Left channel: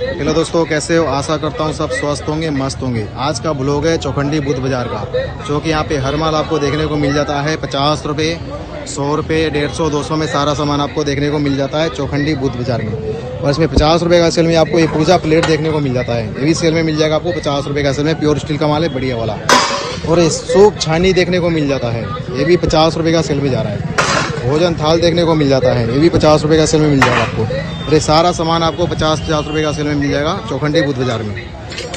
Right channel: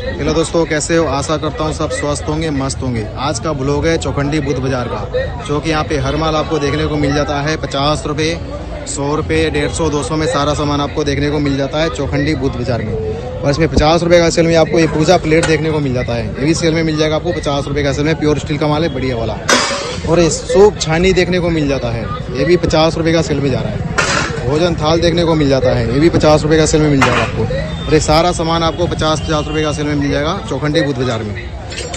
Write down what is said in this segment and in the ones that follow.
Hello दोस्तों, कैसे हो? आशा करता हूँ सब स्वस्थ होंगे, मस्त होंगे। आज का ब्लॉग है चौखंडी बुद्ध बाजार का, जो कि यहाँ पे हर माल आपको देखने को मिल जाता है 50 रुपये, 100 रुपये, 150, 200 में सारा सामान आपको देखने को मिल जाता है चौखंडी बुद्ध बाजार में। और इसमें 50 रुपये का सेल में आपको ये पूजा प्लेट देखने को मिल जाता है। ये भी सेल में मिल जाएगा आपको 50 रुपये का सेल में, प्योर स्टील का माल है, बढ़िया वाला। और ये सूप छानी देखने को मिल जाता है, ये भी 50 रुपये का सेल में जा रहा है। भोजन थाल देखने को मिल जाता है, ये भी 50 रुपये का सेल में मिल जाएगा आपको। और ये सारा सामान आपको 50 रुपये का सेल में मिल जाएगा चौखंडी बुद्ध बाजार में।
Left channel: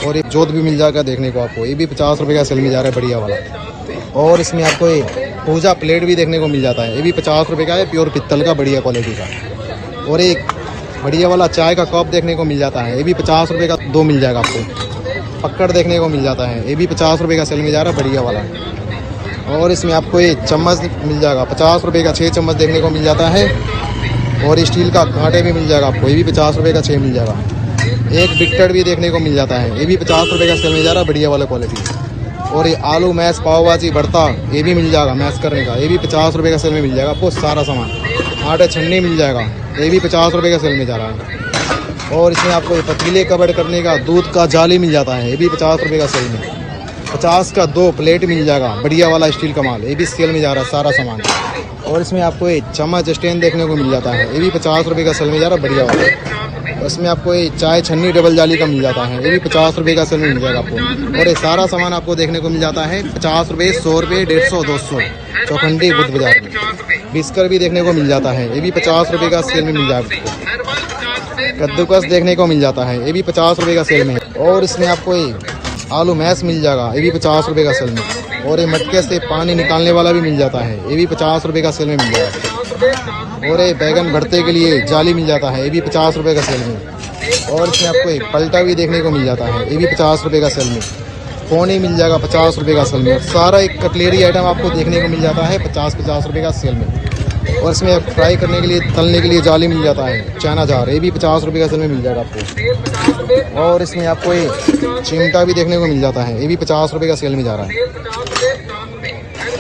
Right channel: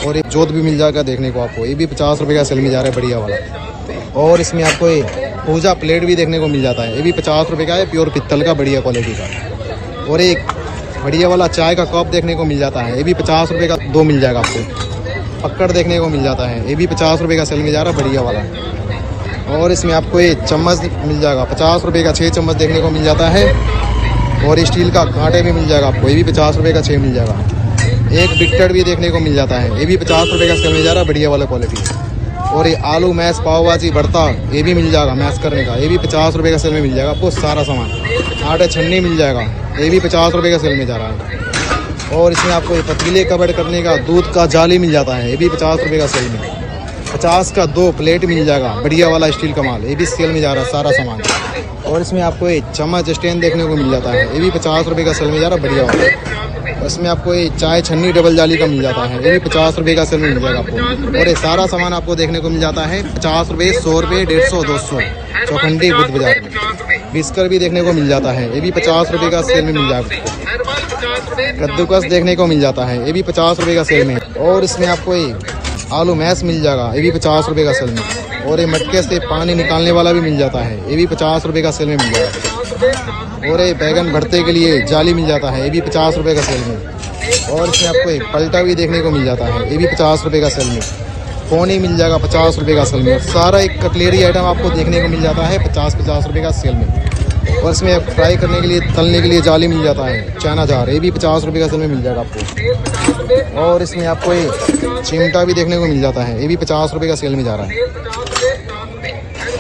और एक जोत भी मिल जाएगा देखने को आपको, ये भी 50 रुपये का सेल में जा रहा है, बढ़िया वाला। और इसमें आपको ये पूजा प्लेट भी देखने को मिल जाता है, ये भी 50 रुपये का है, प्योर पित्तल का, बढ़िया क्वालिटी का। और एक बढ़िया वाला चाय का कप देखने को मिल जाता है, ये भी 50 रुपये का 2 मिल जाएगा आपको। पक्कड़ देखने को मिल जाता है, ये भी 50 रुपये का सेल में जा रहा है, बढ़िया वाला। और इसमें आपको ये चम्मच मिल जाएगा 50 रुपये का, 6 चम्मच देखने को मिल जाता है। और स्टील का कांटे भी मिल जाएगा आपको, ये भी 50 रुपये का 6 मिल जाएगा। एक बिट्टर भी देखने को मिल जाता है, ये भी 50 रुपये का सेल में जा रहा है, बढ़िया वाला क्वालिटी। और ये आलू मैश, पाव भाजी, भरता, ये भी मिल जाएगा मैश करने का, ये भी 50 रुपये का सेल में मिल जाएगा आपको सारा सामान। आटा छन्नी मिल जाएगा, ये भी 50 रुपये का सेल में जा रहा है। और इसमें आपको ये पतीले कवर करने का दूध का जाली मिल जाता है, ये भी 50 रुपये का सेल में। 50 का 2 प्लेट मिल जाएगा, बढ़िया वाला स्टील का माल, ये भी सेल में जा रहा है सारा सामान। और इसमें आपको ये चम्मच स्टैंड देखने को मिल जाता है, ये भी 50 रुपये का सेल में जा रहा है, बढ़िया वाला। इसमें आपको ये चाय छन्नी डबल जाली का मिल जाता है, ये भी 50 रुपये का सेल में मिल जाएगा आपको। और ये सारा सामान आपको देखने को मिल जाता है 50 रुपये, 100 रुपये, 150, 200 चौखंडी बुद्ध बाजार में। बिस्कर भी देखने को मिल जाता है, ये भी 50 रुपये का सेल में मिल जाएगा। कद्दूकस देखने को मिल जाता है, ये भी 50 रुपये का सेल में। और इसमें आपको ये आलू मैश मिल जाएगा, ये भी 50 रुपये का सेल में। और ये मटके से पानी निकालने वाला भी मिल जाता है, ये भी 50 रुपये का सेल में मिल जाएगा। और ये बैगन भरते के लिए जाली मिल जाता है, ये भी 50 रुपये का सेल में। और इसमें आपको एक पलटा भी देखने को मिल जाता है, ये भी 50 रुपये का सेल में। पोनी मिल जाएगा 50 रुपये का सेल में। सारा एक कटलेरी आइटम आपको देखने को मिल जाता है 50 रुपये का सेल में। और इसमें फ्राई करने के लिए, तलने के लिए जाली मिल जाता है, चाइना जार, ये भी 50 रुपये का सेल में मिल जाएगा आपको। और इसमें आपको एक चिमटा भी देखने को मिल जाता है, ये भी 50 रुपये का सेल में जा रहा है।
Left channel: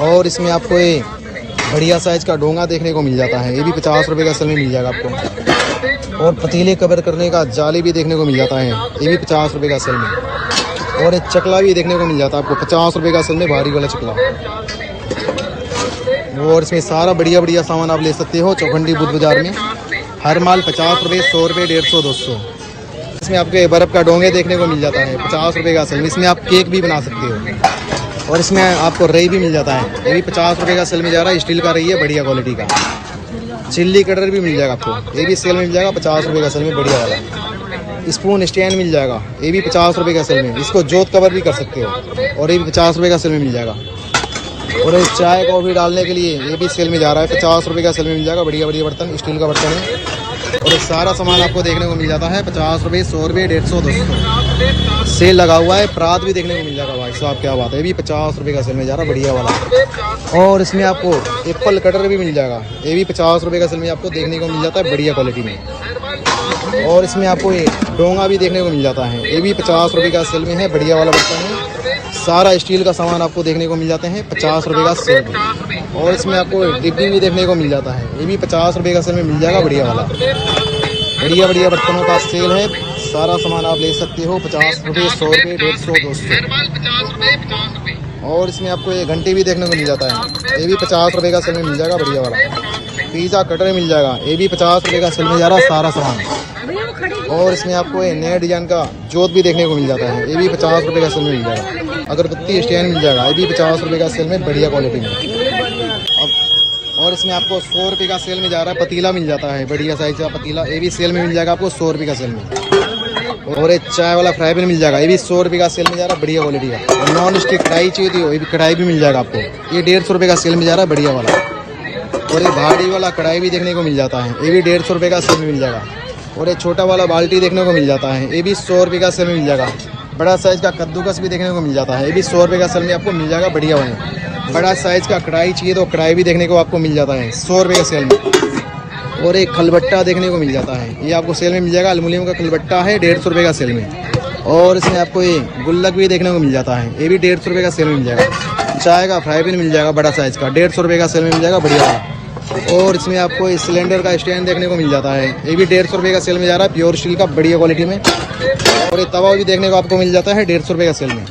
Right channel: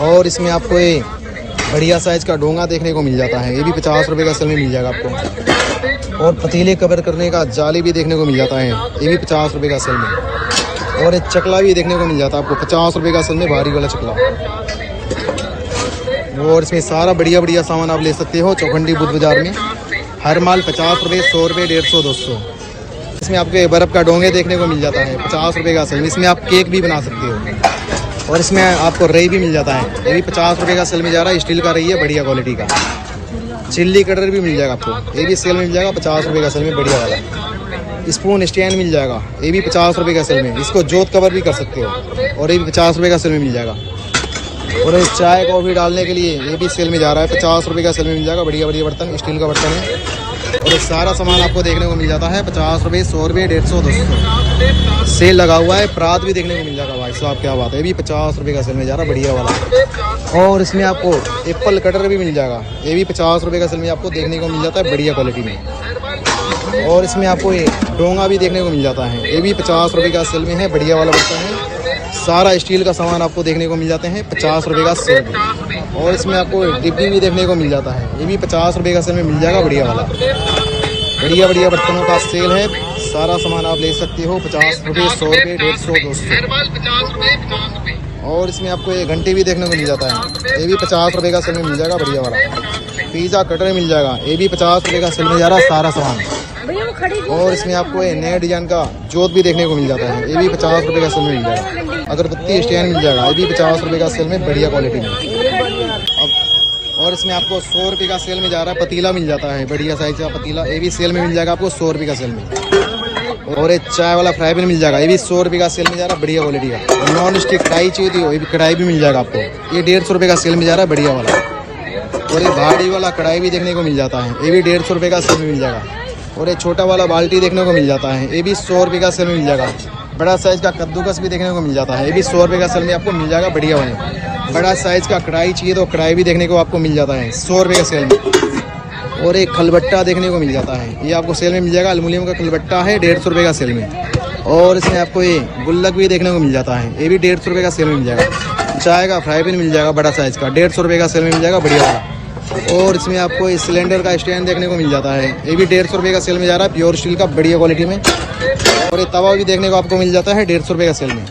और इसमें आपको एक बढ़िया साइज का डोंगा देखने को मिल जाता है, ये भी 50 रुपये का सेल में मिल जाएगा आपको। और पतीले कवर करने का जाली भी देखने को मिल जाता है, ये भी 50 रुपये का सेल में। और एक चकला भी देखने को मिल जाता है आपको 50 रुपये का सेल में, भारी वाला चकला। और इसमें सारा बढ़िया बढ़िया सामान आप ले सकते हो चौखंडी बुद्ध बाजार में। हर माल 50 रुपये, 100 रुपये, 150, 200। इसमें आपके बर्फ का डोंगे देखने को मिल जाता है 50 रुपये का सेल। इसमें आप केक भी बना सकते हो। और इसमें आपको रई भी मिल जाता है, ये भी 50 रुपये का सेल में जा रहा है, स्टील का रई है, बढ़िया क्वालिटी का। चिल्ली कटर भी मिल जाएगा आपको, ये भी सेल में मिल जाएगा 50 रुपये का सेल में, बढ़िया वाला। स्पून स्टैंड मिल जाएगा, ये भी 50 रुपये का सेल में, इसको जोत कवर भी कर सकते हो, और ये भी 50 रुपये का सेल में मिल जाएगा। और इस चाय को भी डालने के लिए ये भी सेल में जा रहा है, 50 रुपये का सेल में मिल जाएगा, बढ़िया बढ़िया बर्तन, स्टील का बर्तन है। और ये सारा सामान आपको देखने को मिल जाता है 50 रुपये, 100 रुपये, 150, 200 सेल लगा हुआ है। परात भी देखने को मिल जाएगा, भाई साहब क्या बात है, ये भी 50 रुपये का सेल में जा रहा है, बढ़िया वाला। और इसमें आपको एप्पल कटर भी मिल जाएगा, ये भी 50 रुपये का सेल में आपको देखने को मिल जाता है, बढ़िया क्वालिटी में। और इसमें आपको ये डोंगा भी देखने को मिल जाता है, ये भी 50 रुपये का सेल में है, बढ़िया वाला बर्तन है। सारा स्टील का सामान आपको देखने को मिल जाते हैं 50 रुपये का सेल में। और इसमें आपको डिब्बी भी देखने को मिल जाता है, ये भी 50 रुपये का सेल में मिल जाएगा, बढ़िया वाला। बढ़िया बढ़िया बर्तनों का सेल है, सारा सामान आप ले सकते हो 50 रुपये, 100 रुपये, 150, 200। और इसमें आपको ये घंटे भी देखने को मिल जाता है, ये भी 50 रुपये का सेल में मिल जाएगा, बढ़िया वाला। पिज़्ज़ा कटर मिल जाएगा, ये भी 50 रुपये का सेल में जा रहा है सारा सामान। और इसमें आपको ये नया डिजाइन का जोत भी देखने को मिल जाता है, ये भी 50 रुपये का सेल में मिल जाएगा। अगरबत्ती स्टैंड मिल जाएगा, ये भी 50 रुपये का सेल में, बढ़िया क्वालिटी में। और इसमें आपको 100 रुपये का सेल में जा रहा है, पतीला मिल जाता है, बढ़िया साइज का पतीला, ये भी सेल में मिल जाएगा आपको 100 रुपये का सेल में। और एक चाय वाला फ्राई पैन मिल जाएगा, ये भी 100 रुपये का सेल में जा रहा है, बढ़िया क्वालिटी का। नॉन स्टिक कढ़ाई चाहिए थी, ये भी कढ़ाई भी मिल जाएगा आपको, ये 150 रुपये का सेल में जा रहा है, बढ़िया वाला। और ये भारी वाला कढ़ाई भी देखने को मिल जाता है, ये भी 150 रुपये का सेल में मिल जाएगा। और ये छोटा वाला बाल्टी देखने को मिल जाता है, ये भी 100 रुपये का सेल में मिल जाएगा। बड़ा साइज का कद्दूकस भी देखने को मिल जाता है, ये भी 100 रुपये का सेल में आपको मिल जाएगा, बढ़िया वाला। बड़ा साइज का कढ़ाई चाहिए तो कढ़ाई भी देखने को आपको मिल जाता है 100 रुपये का सेल में। और एक खलबट्टा देखने को मिल जाता है, ये आपको सेल में मिल जाएगा, एल्युमिनियम का खलबट्टा है, 150 रुपये का सेल में। और इसमें आपको ये गुल्लक भी देखने को मिल जाता है, ये भी 150 रुपये का सेल में मिल जाएगा। चाय का फ्राई पैन मिल जाएगा, बड़ा साइज का, 150 रुपये का सेल में मिल जाएगा, बढ़िया वाला। और इसमें आपको इस सिलेंडर का स्टैंड देखने को मिल जाता है, ये भी 150 रुपये का सेल में जा रहा है, प्योर स्टील का बढ़िया क्वालिटी में। और ये तवा भी देखने को आपको मिल जाता है 150 रुपये का सेल में।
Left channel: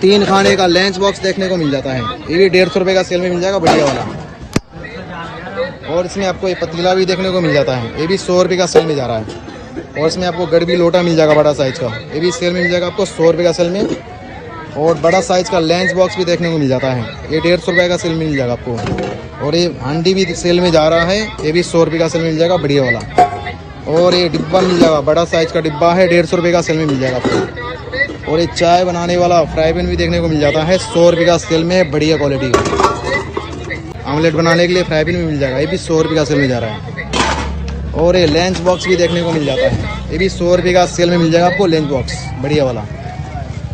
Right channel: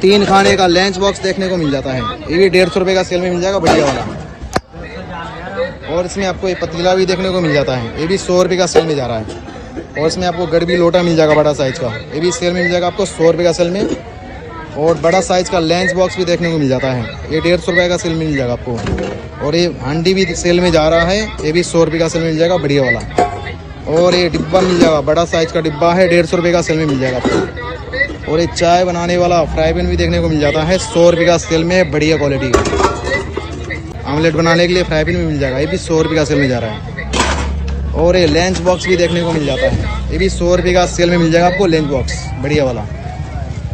3 खाने का लंच बॉक्स देखने को मिल जाता है, ये भी 150 रुपये का सेल में मिल जाएगा, बढ़िया वाला। और इसमें आपको ये पतीला भी देखने को मिल जाता है, ये भी 100 रुपये का सेल में जा रहा है। और इसमें आपको गड़बी लोटा मिल जाएगा बड़ा साइज का, ये भी सेल में मिल जाएगा आपको 100 रुपये का सेल में। और बड़ा साइज का लंच बॉक्स भी देखने को मिल जाता है, ये 150 रुपये का सेल में मिल जाएगा आपको। और ये हांडी भी सेल में जा रहा है, ये भी 100 रुपये का सेल में मिल जाएगा, बढ़िया वाला। और ये डिब्बा मिल जाएगा, बड़ा साइज का डिब्बा है, 150 रुपये का सेल में मिल जाएगा आपको। और ये चाय बनाने वाला फ्राई पैन भी देखने को मिल जाता है, 100 रुपये का सेल में, बढ़िया क्वालिटी। ऑमलेट बनाने के लिए फ्राई पैन भी मिल जाएगा, ये भी 100 रुपये का सेल में जा रहा है। और ये लंच बॉक्स भी देखने को मिल जाता है, ये भी 100 रुपये का सेल में मिल जाएगा आपको, लंच बॉक्स बढ़िया वाला।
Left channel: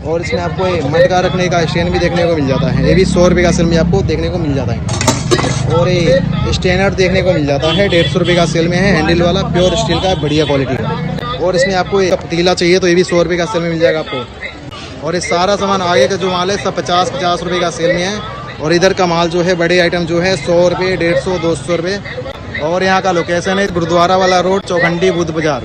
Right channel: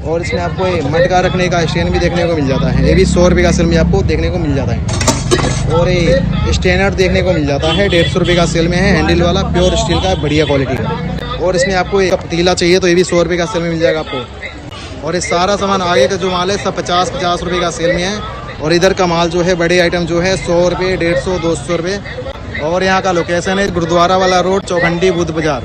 और इसमें आपको मटका रखने का स्टैंड भी देखने को मिल जाता है, ये भी 100 रुपये का सेल में आपको देखने को मिल जाता है। और ये स्टैंडर देखने को मिल जाता है, 150 रुपये का सेल में है, हैंडल वाला, प्योर स्टील का, बढ़िया क्वालिटी। और इसमें आपको एक पतीला चाहिए तो ये भी 100 रुपये का सेल में मिल जाएगा आपको। और ये सारा सामान आगे का जो माल है सब 50-50 रुपये का सेल में है। और इधर का माल जो है, बड़े आइटम जो है 100 रुपये, 150, 200 रुपये। और यहाँ का लोकेशन है गुरुद्वारा वाला रोड, चौखंडी बुद्ध बाजार।